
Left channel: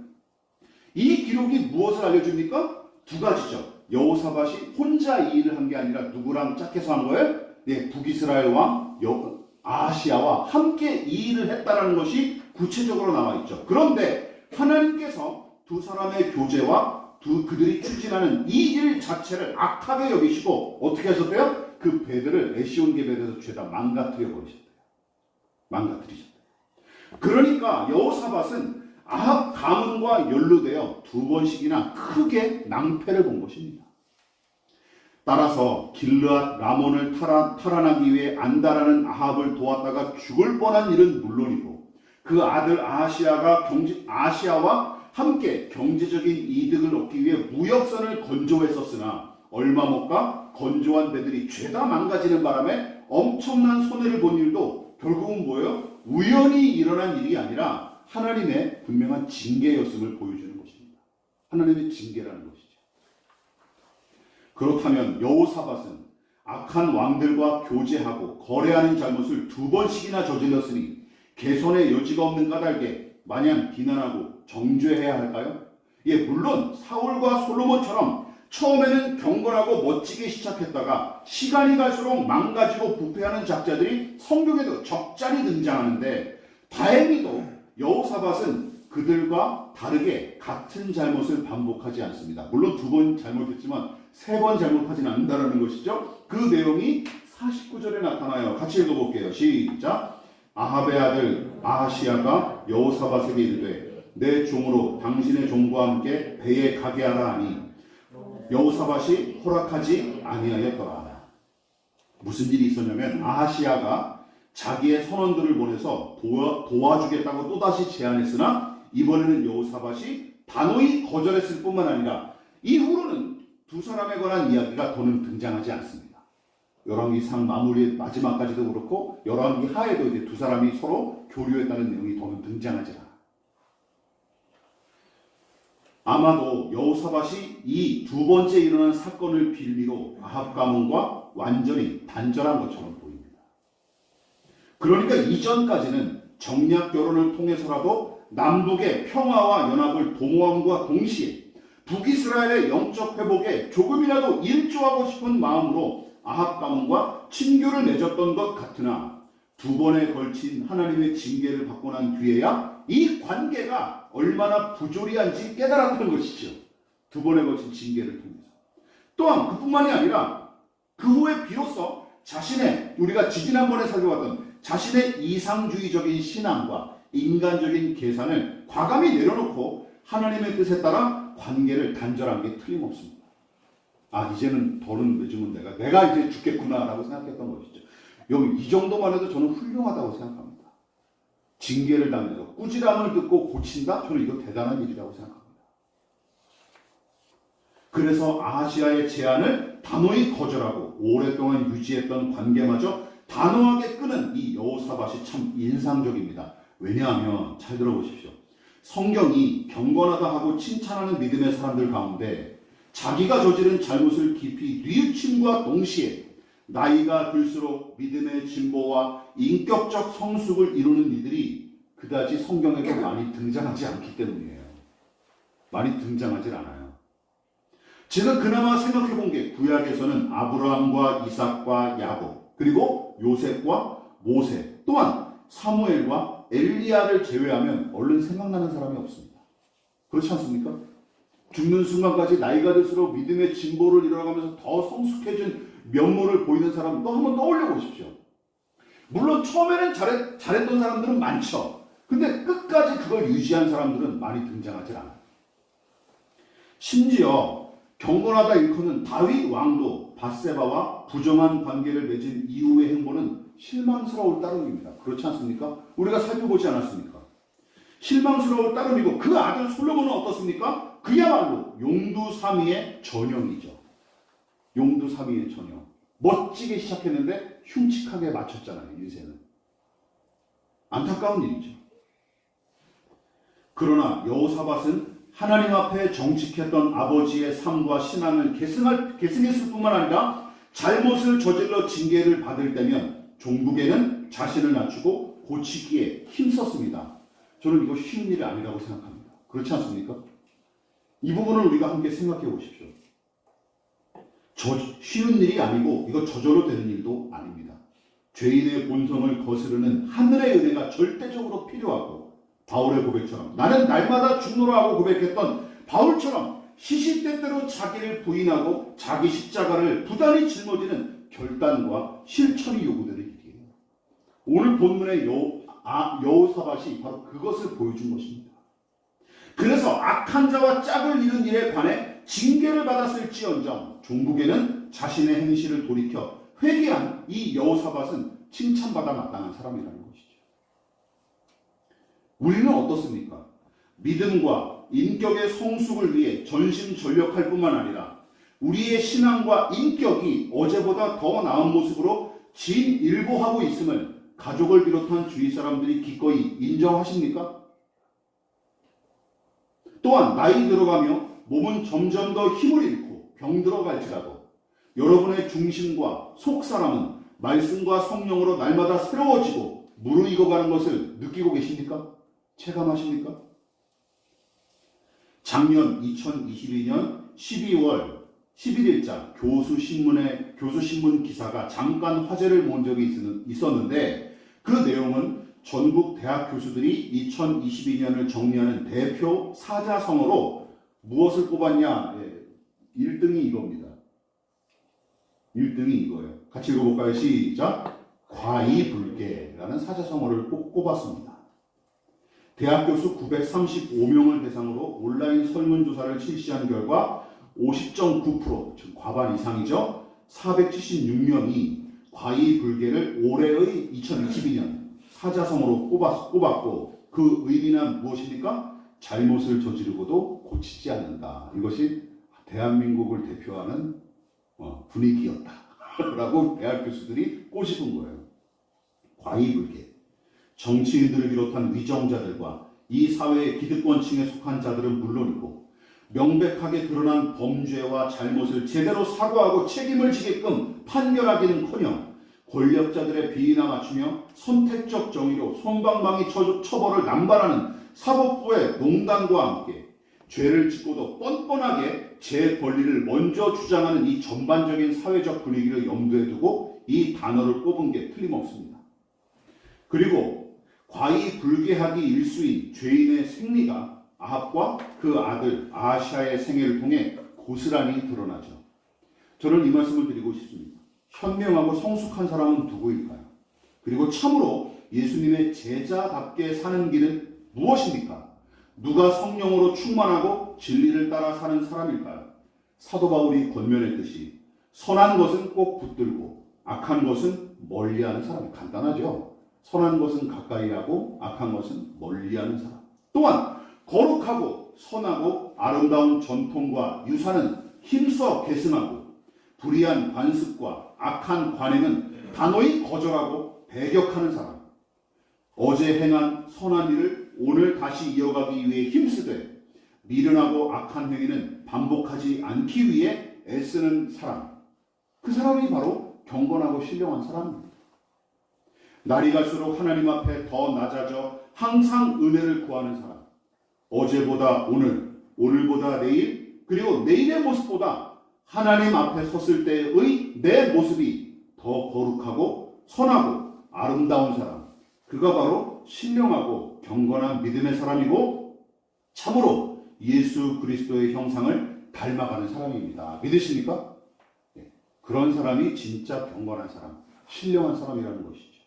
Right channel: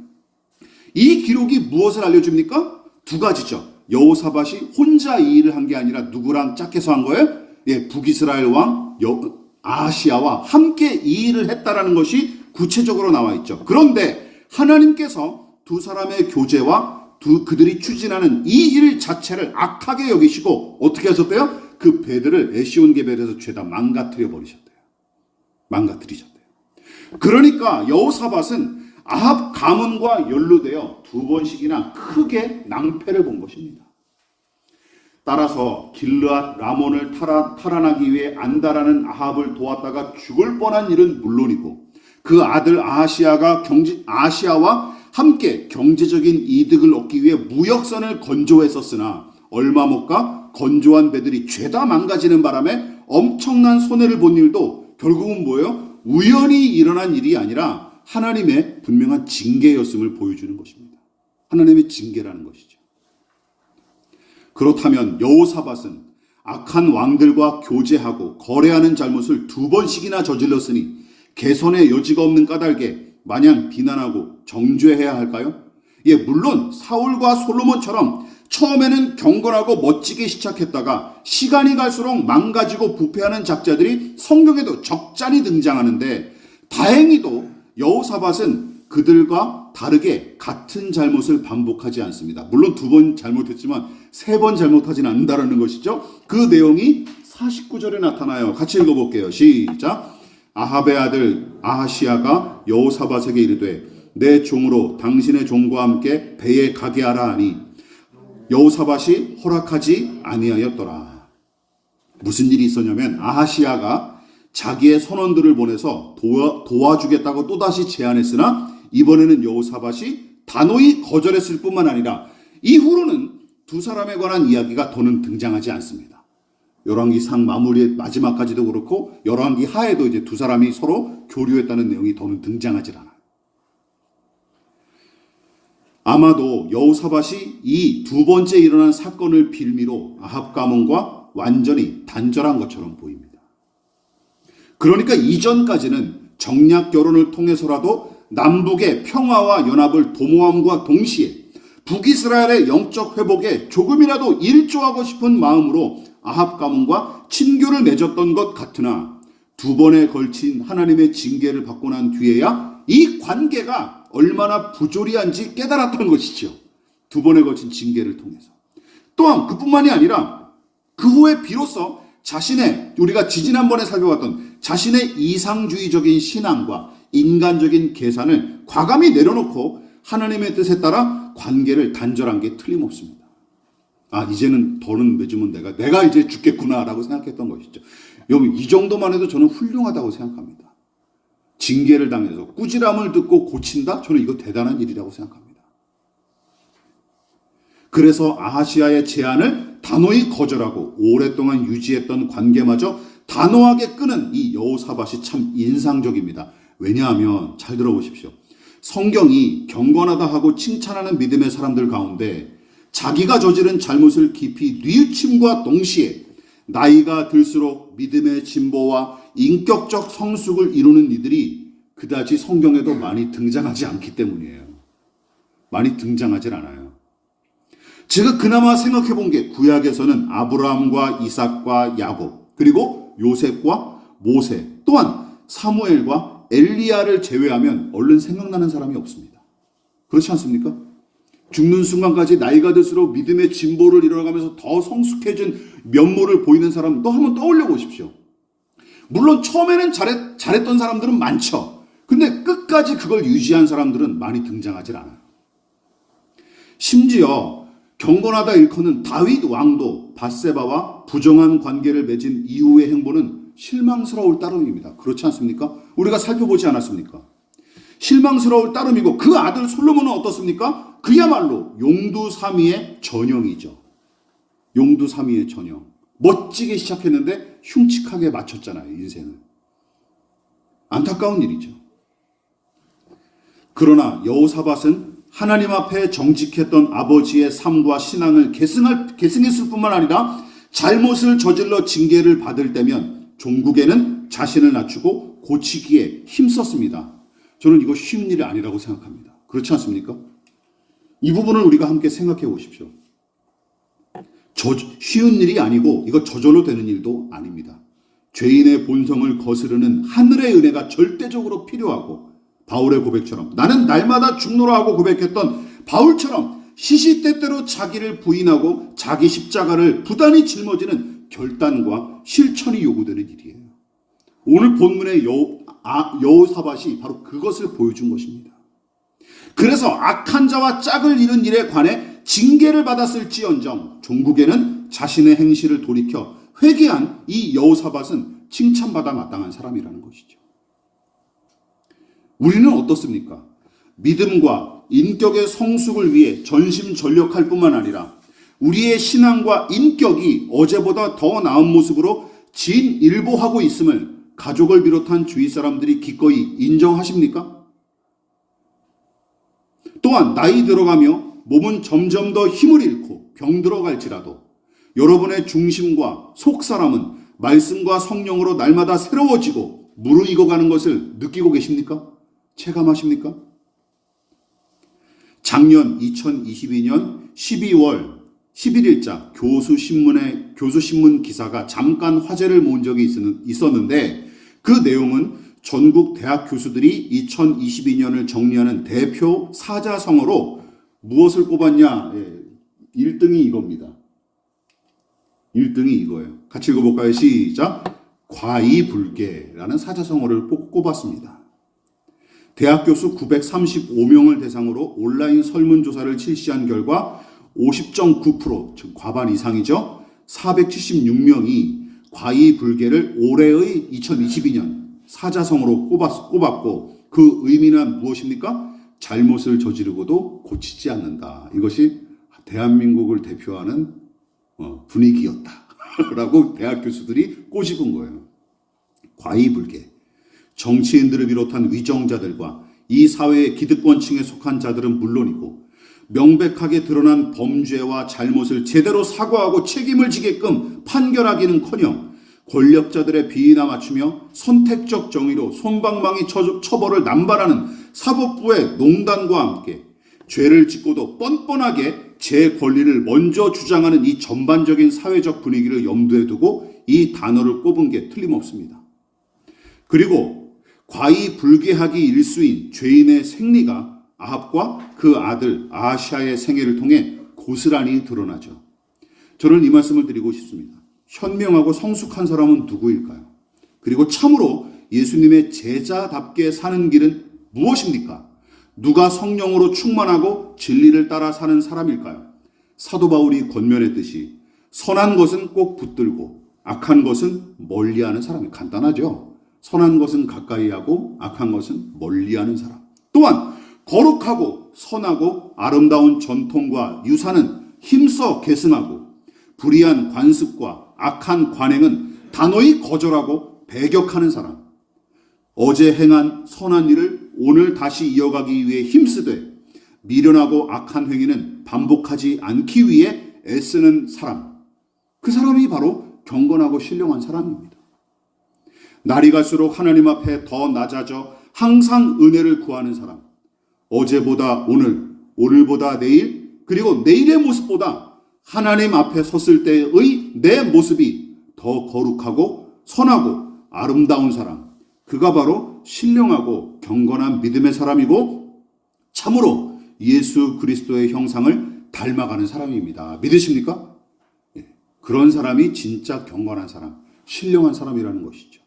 이 기록이 무엇을 알려줍니까? 두 가지죠. 여호사밧이 혼자 이 일을 한 게 아니라 누구랑 짝해서 한 거예요? 북이스라엘 왕 아하시아와 함께 이 일을 했다라는 것이 구체적으로 나와 있죠. 그런데 하나님께서 두 사람의 교제와 그들이 추진하는 이 일 자체를 악하게 여기시고 어떻게 하셨대요? 그 배들을 에시온 게벨에서 죄다 망가뜨리셨대요. 그러니까 여호사밧은 아합 가문과 연루되어 두 번씩이나 크게 낭패를 본 것입니다. 따라서 길르앗 라몬을 탈환하기 위해 안다라는 아합을 도왔다가 죽을 뻔한 일은 물론이고 그 아들 아하시아와 함께 경제적인 이득을 얻기 위해 무역선을 건조했었으나 얼마 못 가 건조한 배들이 죄다 망가지는 바람에 엄청난 손해를 본 일도 결국은 뭐예요? 우연히 일어난 일이 아니라 하나님의 분명한 징계였음을 보여주는 것입니다. 하나님의 징계라는 것이죠. 그렇다면 여호사밧은 악한 왕들과 교제하고 거래하는 잘못을 두 번씩이나 저질렀으니 개선의 여지가 없는 까닭에 마냥 비난하고 정죄해야 할까요? 물론 사울과 솔로몬처럼 처음에는 경건하고 멋지게 시작했다가 시간이 갈수록 망가지고 부패하는 작자들이 성경에도 적잖이 등장하는데 다행히도 여호사밧은 그들과 다르게 같은 잘못을 반복하지 않습니다. 물론 두 번 잘못했지만 세 번 잘못하지는 않는다는 것이죠. 그 내용이 49절에 나타나요. 같이 읽어볼게요. 시작. 아합의 아들 아하시아가 여호사밧에게 이르되 내 종으로 당신의 종과 함께 배에 가게 하라 하니 여호사밧이 허락하지 아니하였더라. 무슨 일이 있었냐면 아하시아가 자기의 선원들을 보내서 도와주겠다고 또다시 제안했으나 이번에는 여호사밧이 단호히 거절했을 뿐만 아니라 이후로는 두 사람에 관한 이야기가 더는 등장하지 않습니다. 열왕기상 마무리 마지막까지도 그렇고 열왕기 하에도 이제 두 사람이 서로 교류했다는 내용이 더는 등장하지 않아요. 아마도 여호사밧이 이 두 번째 일어난 사건을 빌미로 아합 가문과 완전히 단절한 것처럼 보입니다. 그러니까 이전까지는 정략 결혼을 통해서라도 남북의 평화와 연합을 도모함과 동시에 북이스라엘의 영적 회복에 조금이라도 일조하고 싶은 마음으로 아합 가문과 친교를 맺었던 것 같으나 두 번에 걸친 하나님의 징계를 받고 난 뒤에야 이 관계가 얼마나 부조리한지 깨달았던 것이죠. 두 번에 걸친 징계를 통해서. 또한 그뿐만이 아니라 그 후에 비로소 자신의, 우리가 지지난번에 살펴봤던 자신의 이상주의적인 신앙과 인간적인 계산을 과감히 내려놓고 하나님의 뜻에 따라 관계를 단절한 게 틀림없습니다. 아, 이제는 더는 맺으면 내가 이제 죽겠구나라고 생각했던 것이죠. 여러분, 이 정도만 해도 저는 훌륭하다고 생각합니다. 징계를 당해서 꾸지람을 듣고 고친다? 저는 이거 대단한 일이라고 생각합니다. 그래서 아하시아의 제안을 단호히 거절하고 오랫동안 유지했던 관계마저 단호하게 끊은 이 여호사밧이 참 인상적입니다. 왜냐하면 잘 들어보십시오. 성경이 경건하다 하고 칭찬하는 믿음의 사람들 가운데 자기가 저지른 잘못을 깊이 뉘우침과 동시에 나이가 들수록 믿음의 진보와 인격적 성숙을 이루는 이들이 그다지 성경에도 많이 등장하지 않기 때문이에요. 많이 등장하지 않아요. 제가 그나마 생각해 본 게 구약에서는 아브라함과 이삭과 야곱, 그리고 요셉과 모세, 또한 사무엘과 엘리야를 제외하면 얼른 생각나는 사람이 없습니다. 그렇지 않습니까? 죽는 순간까지 나이가 들수록 믿음의 진보를 이뤄가면서 더 성숙해진 면모를 보이는 사람 또 한번 떠올려 보십시오. 물론 처음에는 잘했던 사람들은 많죠. 근데 끝까지 그걸 유지한 사람들은 많이 등장하지 않아요. 심지어 경건하다 일컫는 다윗 왕도 밧세바와 부정한 관계를 맺은 이후의 행보는 실망스러울 따름입니다. 그렇지 않습니까? 우리가 살펴보지 않았습니까? 실망스러울 따름이고 그 아들 솔로몬은 어떻습니까? 그야말로 용두사미의 전형이죠. 용두사미의 전형. 멋지게 시작했는데 흉측하게 마쳤잖아요. 인생을. 안타까운 일이죠. 그러나 여호사밧은 하나님 앞에 정직했던 아버지의 삶과 신앙을 계승했을 뿐만 아니라 잘못을 저질러 징계를 받을 때면 종국에는 자신을 낮추고 고치기에 힘썼습니다. 저는 이거 쉬운 일이 아니라고 생각합니다. 그렇지 않습니까? 이 부분을 우리가 함께 생각해 보십시오. 쉬운 일이 아니고 이거 저절로 되는 일도 아닙니다. 죄인의 본성을 거스르는 하늘의 은혜가 절대적으로 필요하고 바울의 고백처럼 나는 날마다 죽노라 하고 고백했던 바울처럼 시시때때로 자기를 부인하고 자기 십자가를 부단히 짊어지는 결단과 실천이 요구되는 일이에요. 오늘 본문의 여호사밧이 바로 그것을 보여준 것입니다. 그래서 악한 자와 짝을 이룬 일에 관해 징계를 받았을지언정 종국에는 자신의 행실을 돌이켜 회개한 이 여호사밧은 칭찬받아 마땅한 사람이라는 것이죠. 우리는 어떻습니까? 믿음과 인격의 성숙을 위해 전심전력할 뿐만 아니라 우리의 신앙과 인격이 어제보다 더 나은 모습으로 진일보하고 있음을 가족을 비롯한 주위 사람들이 기꺼이 인정하십니까? 또한 나이 들어가며 몸은 점점 더 힘을 잃고 병들어갈지라도 여러분의 중심과 속사람은 말씀과 성령으로 날마다 새로워지고 무르익어가는 것을 느끼고 계십니까? 체감하십니까? 작년 2022년 12월 11일자 교수신문 기사가 잠깐 화제를 모은 적이 있었는데 그 내용은 전국 대학 교수들이 2022년을 정리하는 대표 사자성어로 무엇을 꼽았냐? 1등이 이겁니다. 1등이 이거예요. 같이 읽어볼까요? 시작! 과이불개라는 사자성어를 꼽았습니다. 대학 교수 935명을 대상으로 온라인 설문조사를 실시한 결과 50.9%, 즉 과반 이상이죠. 476명이 과이불개를 올해의 2022년 사자성어로 꼽았고 그 의미는 무엇입니까? 잘못을 저지르고도 고치지 않는다. 이것이 대한민국을 대표하는 분위기였다. 라고 대학 교수들이 꼬집은 거예요. 과이불개. 정치인들을 비롯한 위정자들과 이 사회의 기득권층에 속한 자들은 물론이고 명백하게 드러난 범죄와 잘못을 제대로 사과하고 책임을 지게끔 판결하기는커녕 권력자들의 비위나 맞추며 선택적 정의로 솜방망이 처벌을 남발하는 사법부의 농단과 함께 죄를 짓고도 뻔뻔하게 제 권리를 먼저 주장하는 이 전반적인 사회적 분위기를 염두에 두고 이 단어를 꼽은 게 틀림없습니다. 그리고 과이불개하기 일수인 죄인의 생리가 아합과 그 아들 아하시아의 생애를 통해 고스란히 드러나죠. 저는 이 말씀을 드리고 싶습니다. 현명하고 성숙한 사람은 누구일까요? 그리고 참으로 예수님의 제자답게 사는 길은 무엇입니까? 누가 성령으로 충만하고 진리를 따라 사는 사람일까요? 사도 바울이 권면했듯이 선한 것은 꼭 붙들고 악한 것은 멀리하는 사람이 간단하죠. 선한 것은 가까이 하고 악한 것은 멀리하는 사람. 또한 거룩하고 선하고 아름다운 전통과 유산은 힘써 계승하고 불의한 관습과 악한 관행은 단호히 거절하고 배격하는 사람. 어제 행한 선한 일을 오늘 다시 이어가기 위해 힘쓰되 미련하고 악한 행위는 반복하지 않기 위해 애쓰는 사람. 그 사람이 바로 경건하고 신령한 사람입니다. 날이 갈수록 하나님 앞에 더 낮아져 항상 은혜를 구하는 사람. 어제보다 오늘, 오늘보다 내일, 그리고 내일의 모습보다 하나님 앞에 섰을 때의 내 모습이 더 거룩하고 선하고 아름다운 사람. 그가 바로 신령하고 경건한 믿음의 사람이고 참으로 예수 그리스도의 형상을 닮아가는 사람입니다. 믿으십니까? 그런 사람이 진짜 경건한 사람, 신령한 사람이라는 것이죠.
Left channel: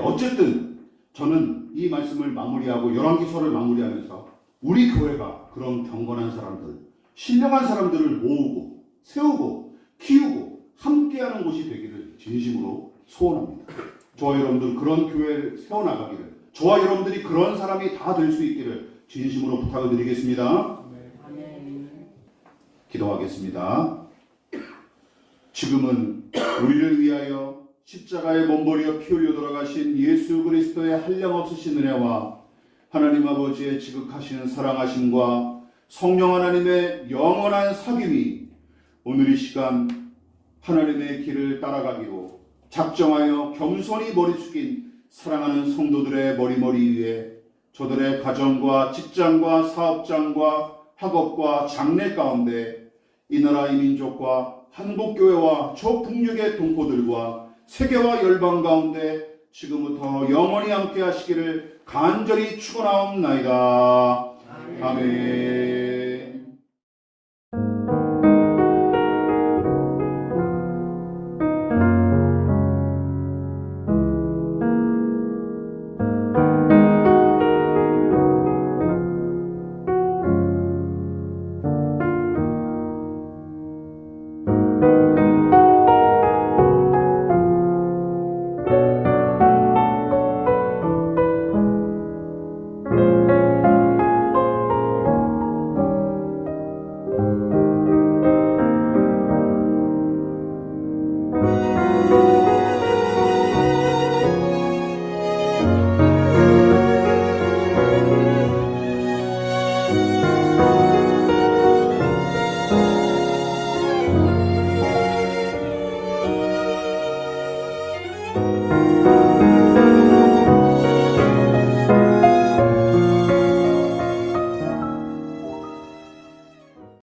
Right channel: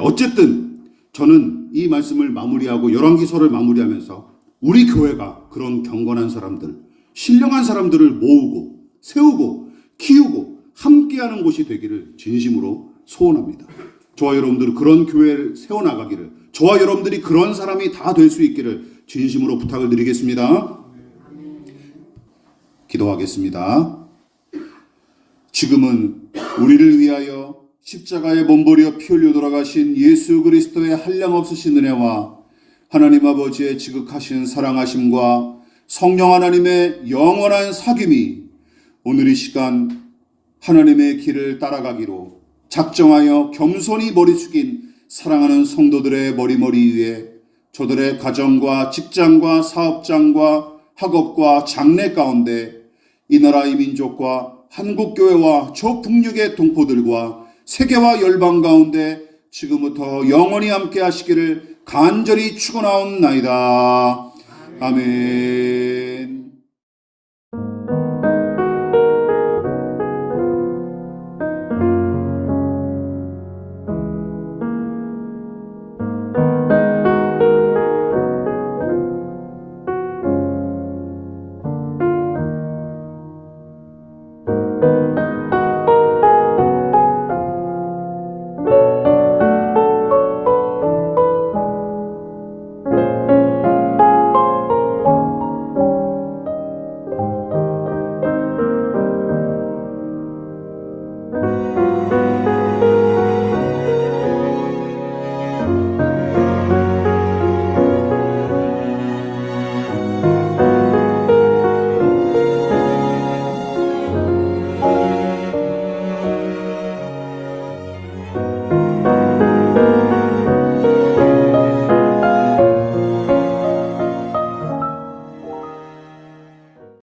어쨌든 저는 이 말씀을 마무리하고 열왕기서를 마무리하면서 우리 교회가 그런 경건한 사람들, 신령한 사람들을 모으고 세우고 키우고 함께하는 곳이 되기를 진심으로 소원합니다. 저와 여러분들은 그런 교회를 세워나가기를, 저와 여러분들이 그런 사람이 다 될 수 있기를 진심으로 부탁을 드리겠습니다. 기도하겠습니다. 지금은 우리를 위하여 십자가에 몸버려 피 흘려 돌아가신 예수 그리스도의 한량없으신 은혜와 하나님 아버지의 지극하신 사랑하심과 성령 하나님의 영원한 사귐이 오늘 이 시간 하나님의 길을 따라가기로 작정하여 겸손히 머리 숙인 사랑하는 성도들의 머리머리 위에 저들의 가정과 직장과 사업장과 학업과 장래 가운데 이 나라 이 민족과 한국교회와 저 북녘의 동포들과 세계와 열방 가운데 지금부터 영원히 함께 하시기를 간절히 축원하옵나이다. 아멘.